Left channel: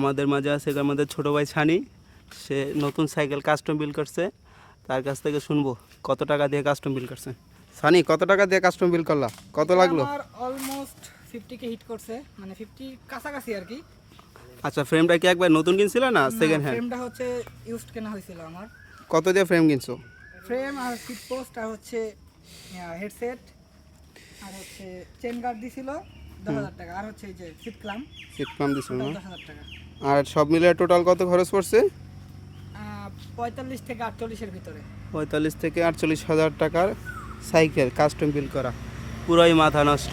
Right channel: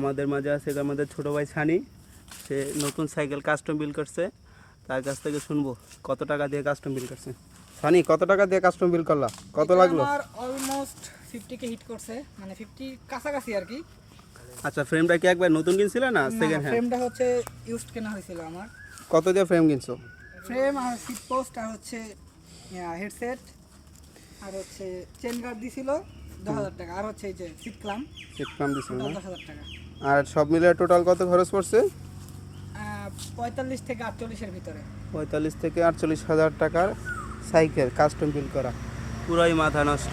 আমাদের মাঝে আছে আমাদের ছোট ভাই ছানি, সে নতুন সাইকেল কাস্টম বিল্ড করছে। তার কাছ থেকে শুনবো কত টাকা দিয়ে কাস্টম বিল্ড করছে। ছানি, কত টাকা দিয়ে কাস্টম বিল্ড করলা, কত লাগলো? আমার অলমোস্ট 50 কে হিট করছে, মানে 50 কাছাকাছি আর কি। আচ্ছা, ফ্রেমটা কি একবার নতুন কিনছিল না সেকেন্ড হ্যান্ড? ফ্রেমটা হচ্ছে ইউজড কেনা হয়েছিল আমার। কত দিয়ে ফ্রেম কিনছো? ফ্রেম আর সিট পোস্ট আর হচ্ছে হেডসেট আর হচ্ছে চেন গার্ড দিছিল 10,000 টাকা, আর হচ্ছে এই যে সিট ক্লাম দিছিল না? 10,000 টাকা। আর সব মিলে টোটাল কত খরচ পড়ছে? 45 থেকে 48 এর ভিতরে। 45 থেকে 48 হাজার টাকার সাইকেল কাস্টম বিল্ড করা, পুরাই মাথা নষ্ট।